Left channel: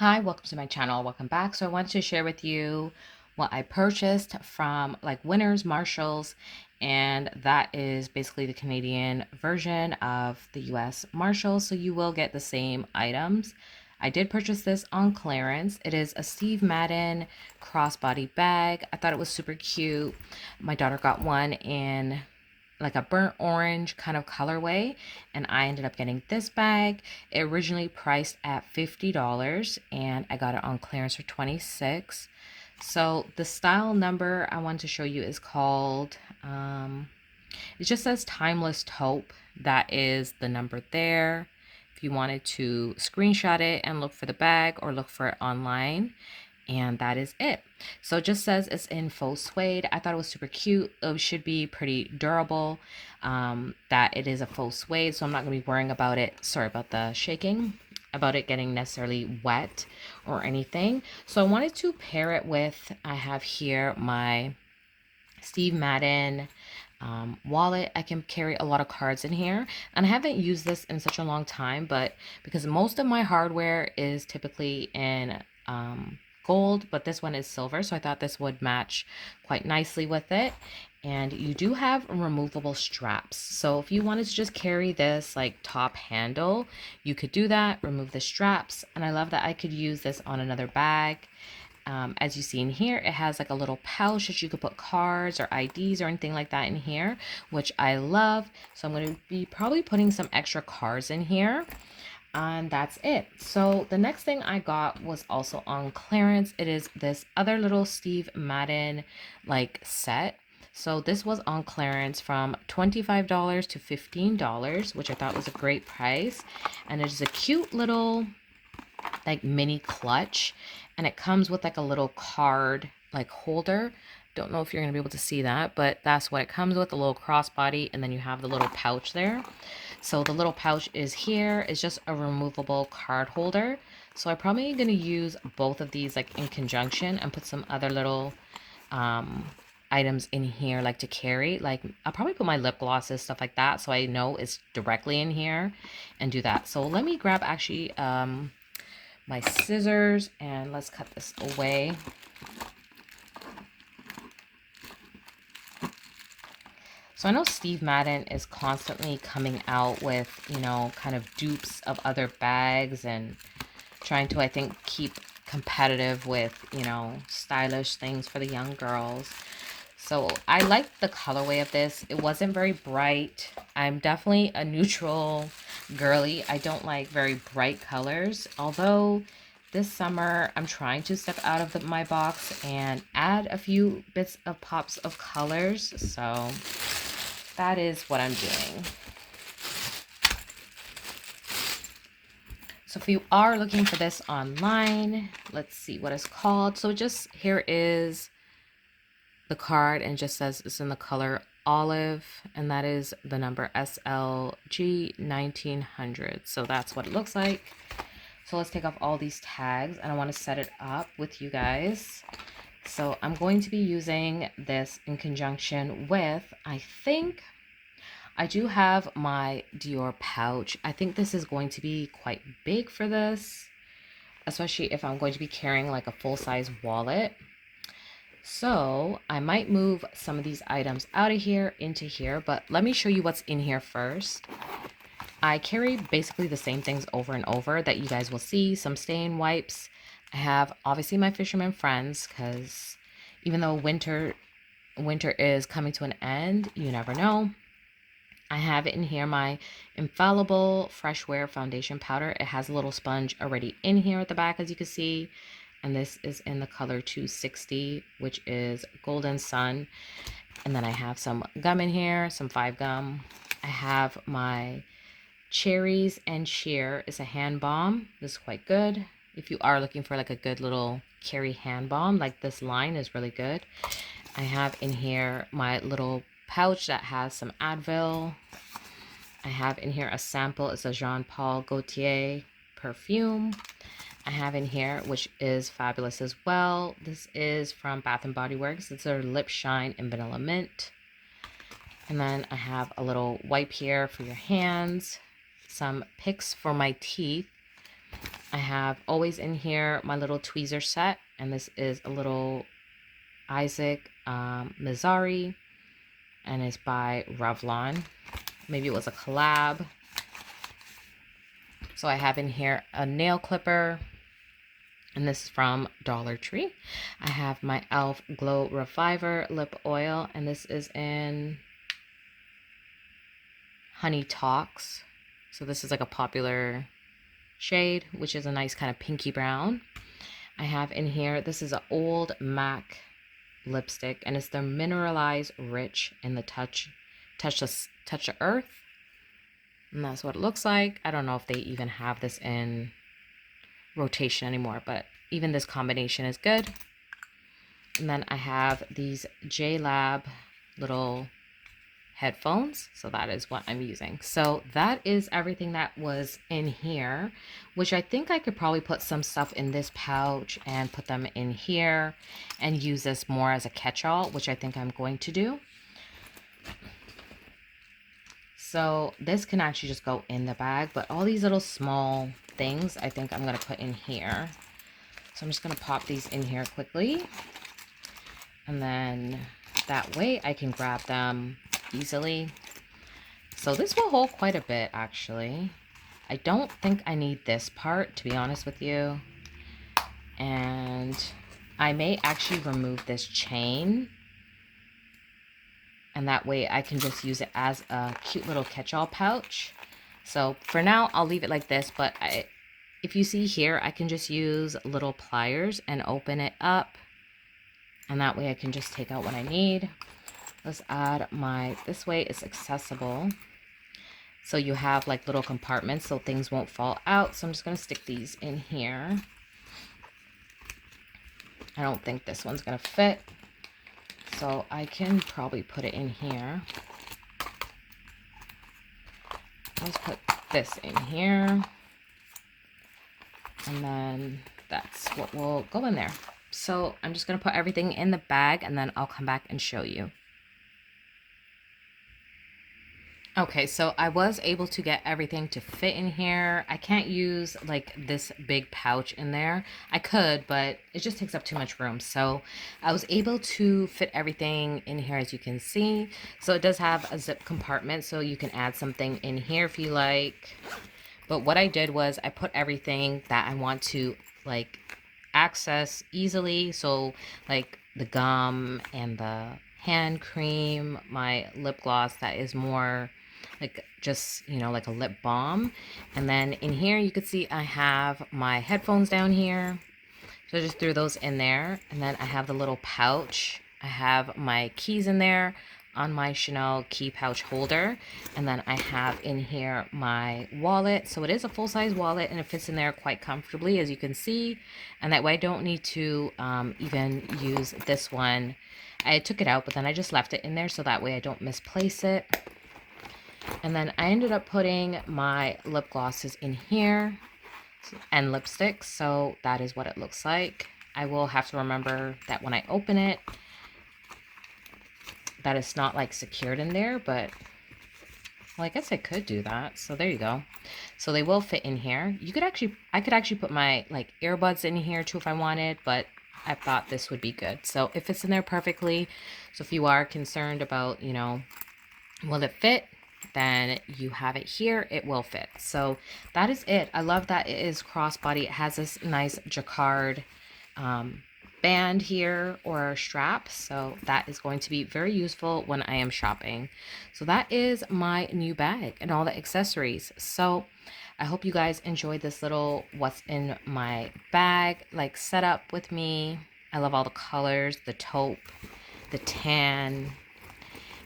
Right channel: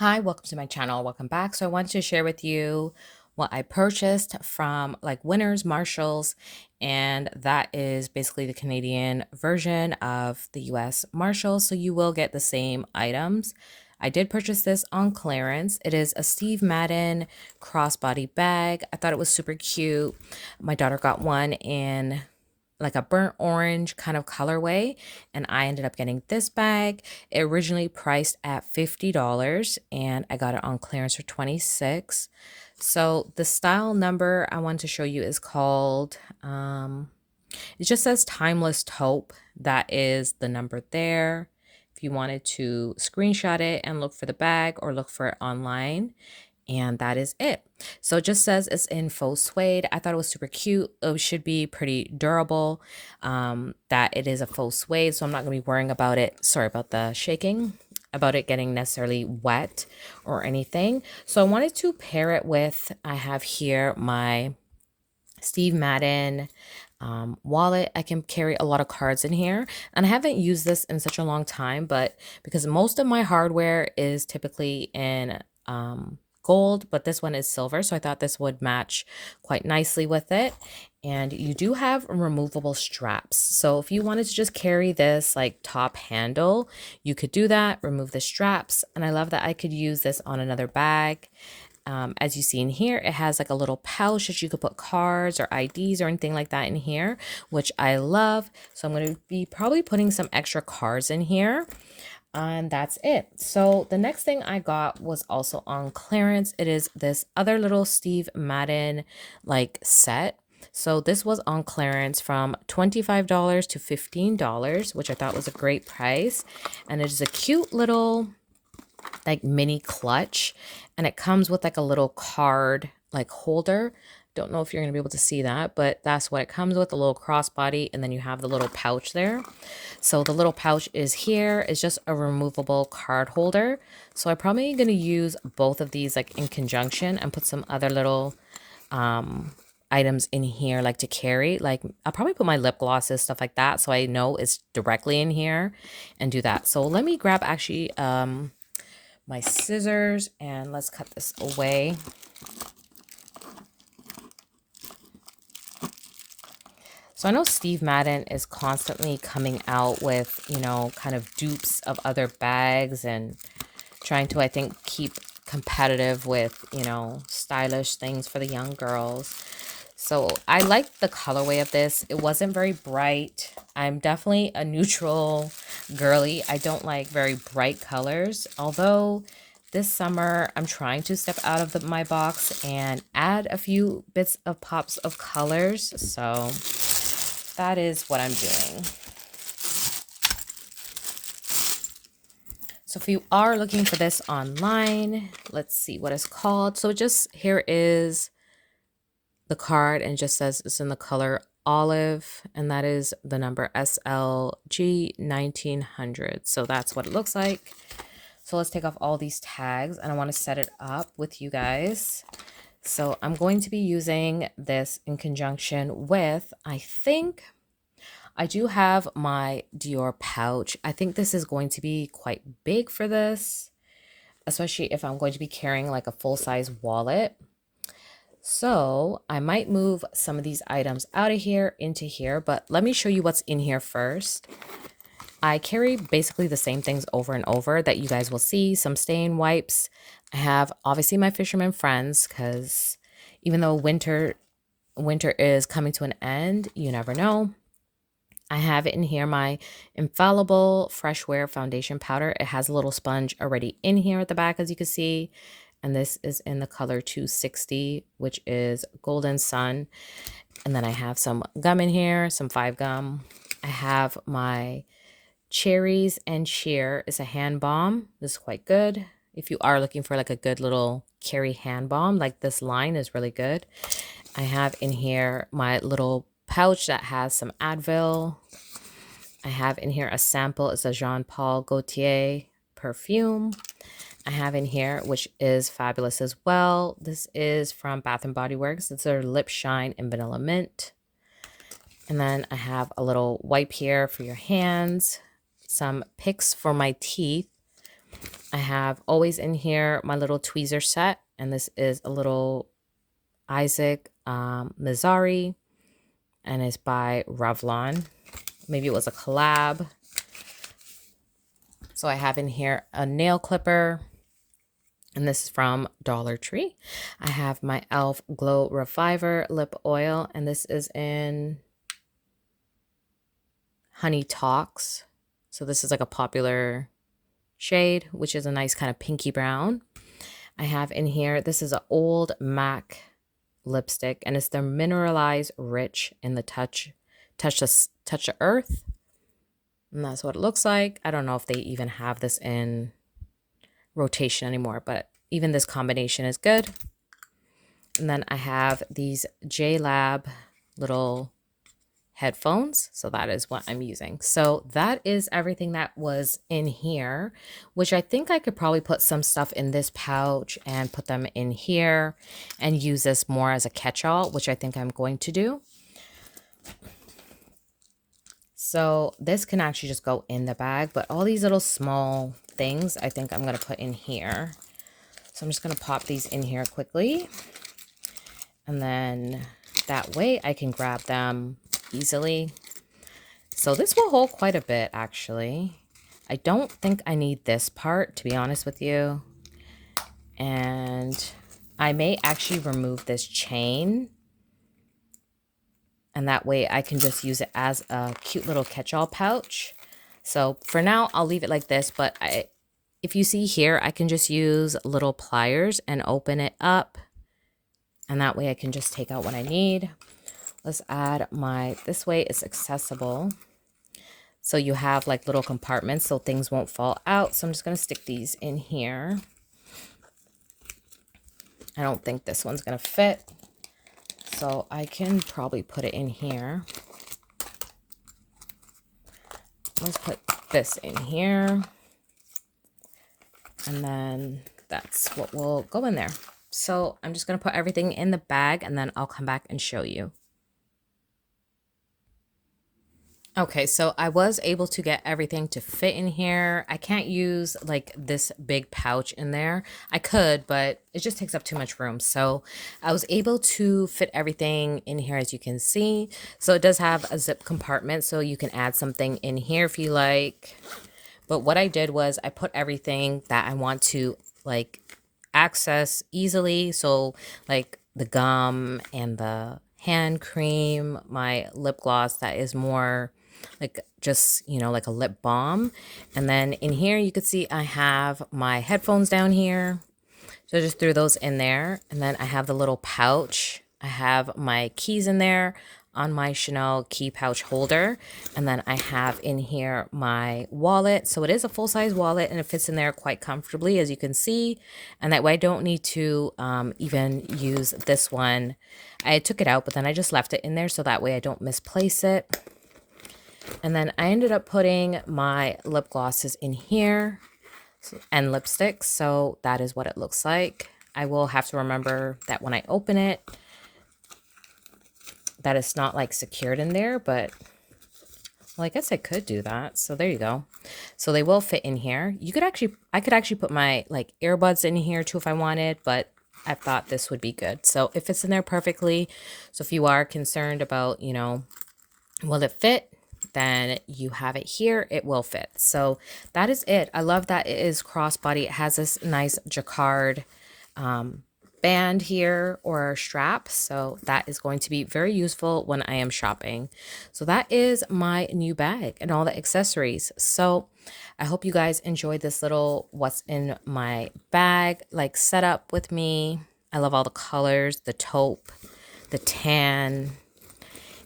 Hi, welcome to my channel. Welcome back. So I wanted to share with you what I purchased from like Winners, Marshalls, and that is basically the Canadian version of the US Marshalls. So you will get the same items. I did purchase this on clearance. It is a Steve Madden crossbody bag. I thought it was super cute. My daughter got one in like a burnt orange kind of colorway, and I ended up getting this bag. It originally priced at $50 and I got it on clearance for 26. So the style number I want to show you is called it just says timeless taupe. That is the number there. If you wanted to screenshot it and look for the bag or look for it online, and that is it. So it just says it's in faux suede. I thought it was super cute. It should be pretty durable. That it is a faux suede, so I'm not going to be worrying about it. Sorry about the shaking, about it getting necessarily wet or anything. So I wanted to pair it with, I have here my Steve Madden wallet. I can carry a lot of cards in here, and I haven't used this in such a long time, but because most of my hardware is typically in gold, but this one is silver, so I thought this would match quite nicely with it. And you do have removable straps, so if you wanted to just carry this like top handle, you could do that, remove the straps. And I love that I could use this on another bag. As you see in here, it has like a little pouch that you could put cards or IDs or anything like that in here, which I love. So I'm going to be probably putting some extra cards in here. And that's it. So the next thing I got was also on clearance. It is this other little Steve Madden like set. So this was on clearance from $25 to $15, which I thought was a great price. And it is a cute little like mini clutch, and it comes with like a little card like holder. Don't know if you're going to be able to see that, but that's what it comes with, a little crossbody, and then you have the little pouch there. So the little pouch is here. It's just a removable card holder. So I'm probably going to use both of these like in conjunction and put some other little items in here like to carry. Like I'll probably put my lip glosses, stuff like that, so I know it's directly in here, and do that. So let me grab actually my scissors and let's cut this away. So I know Steve Madden is constantly coming out with, kind of dupes of other bags and trying to, I think, keep competitive with, stylish things for the young girls. So I like the colorway of this. It wasn't very bright. I'm definitely a neutral girly. I don't like very bright colors, although this summer I'm trying to step out of my box and add a few bits of pops of colors. So that is what I'm doing. So if you are looking for this online, let's see what it's called. So just here is the card, and just says it's in the color olive, and that is the number SLG 1900. So that's what it looks like. So let's take off all these tags, and I want to set it up with you guys. So I'm going to be using this in conjunction with, I think I do have my Dior pouch. I think this is going to be quite big for this, especially if I'm going to be carrying like a full-size wallet. So I might move some of these items out of here into here, but let me show you what's in here first. I carry basically the same things over and over that you guys will see. Some stain wipes. I have obviously my fisherman friends, because even though winter is coming to an end, you never know. I have in here my infallible fresh wear foundation powder. It has a little sponge already in here at the back, as you can see. And this is in the color 260, which is Golden Sun. And then I have some gum in here, some 5 gum. I have my Cherries and Cheer. It's a hand balm. This is quite good. If you are looking for like a good little carry hand balm, like this line is really good. I have in here my little pouch that has some Advil. I have in here a sample. It's a Jean Paul Gaultier perfume. I have in here, which is fabulous as well. This is from Bath and Body Works. It's their Lip Shine in Vanilla Mint. And then I have a little wipe here for your hands, some picks for my teeth, I have always in here my little tweezer set, and this is a little Isaac Mizari, and it's by Revlon. Maybe it was a collab. So I have in here a nail clipper, and this is from Dollar Tree. I have my e.l.f. Glow Reviver lip oil, and this is in Honey Talks. So this is like a popular shade, which is a nice kind of pinky brown. I have in here, this is an old MAC lipstick, and it's the Mineralized Rich in the Touch of Earth. And that's what it looks like. I don't know if they even have this in rotation anymore, but even this combination is good. And then I have these JLab little headphones, so that is what I'm using. So that is everything that was in here, which I think I could probably put some stuff in this pouch and put them in here and use this more as a catch-all, which I think I'm going to do. So this can actually just go in the bag, but all these little small things I think I'm going to put in here. So I'm just going to pop these in here quickly, and then that way I can grab them easily. So this will hold quite a bit, actually. I don't think I need this part, to be honest with you. And I may actually remove this chain, and that way I can just use it as a cute little catch-all pouch. So for now, I'll leave it like this, but if you see here, I can just use little pliers and open it up, and that way I can just take out what I need. Let's add this way it's accessible. So you have like little compartments so things won't fall out. So I'm just going to stick these in here. I don't think this one's going to fit, so I can probably put it in here. Let's put this in here. And then that's what will go in there. So I'm just going to put everything in the bag, and then I'll come back and show you. Okay, so I was able to get everything to fit in here. I can't use like this big pouch in there. I could, but it just takes up too much room. So I was able to fit everything in here, as you can see. So it does have a zip compartment, so you can add something in here if you like. But what I did was I put everything that I want to like access easily. So like the gum and the hand cream, my lip gloss that is more like just, you know, like a lip balm. And then in here you could see I have my headphones down here. So I just threw those in there. And then I have the little pouch. I have my keys in there on my Chanel key pouch holder. And then I have in here my wallet. So it is a full-size wallet, and it fits in there quite comfortably, as you can see. And that way I don't need to even use this one. I took it out, but then I just left it in there so that way I don't misplace it. And then I ended up putting my lip glosses in here and lipsticks. So that is what it looks like. I will have to remember that when I open it, that it's not like secured in there, but well, I guess I could do that. So there you go. So they will fit in here. I could actually put my like earbuds in here too if I wanted, but I thought this would be good. So it fits in there perfectly. So if you are concerned about, you know, will it fit? Then you have it here, it will fit. So that is it. I love that it is crossbody. It has this nice jacquard band here or strap, so that is going to be very useful when I am shopping. So that is my new bag and all the accessories. So I hope you guys enjoyed this little what's in my bag like setup with me. I love all the colors, the taupe, the tan,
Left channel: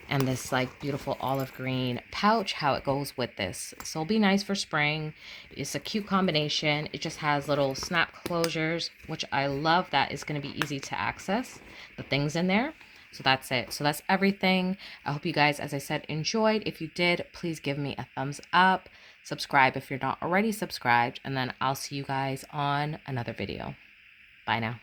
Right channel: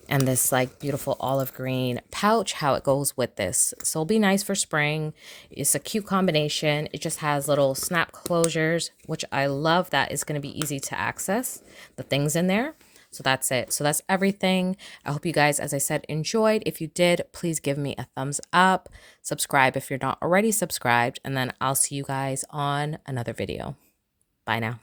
and this like beautiful olive green pouch, how it goes with this. So it'll be nice for spring. It's a cute combination. It just has little snap closures, which I love. That is going to be easy to access the things in there. So that's it. So that's everything. I hope you guys, as I said, enjoyed. If you did, please give me a thumbs up. Subscribe if you're not already subscribed. And then I'll see you guys on another video. Bye now.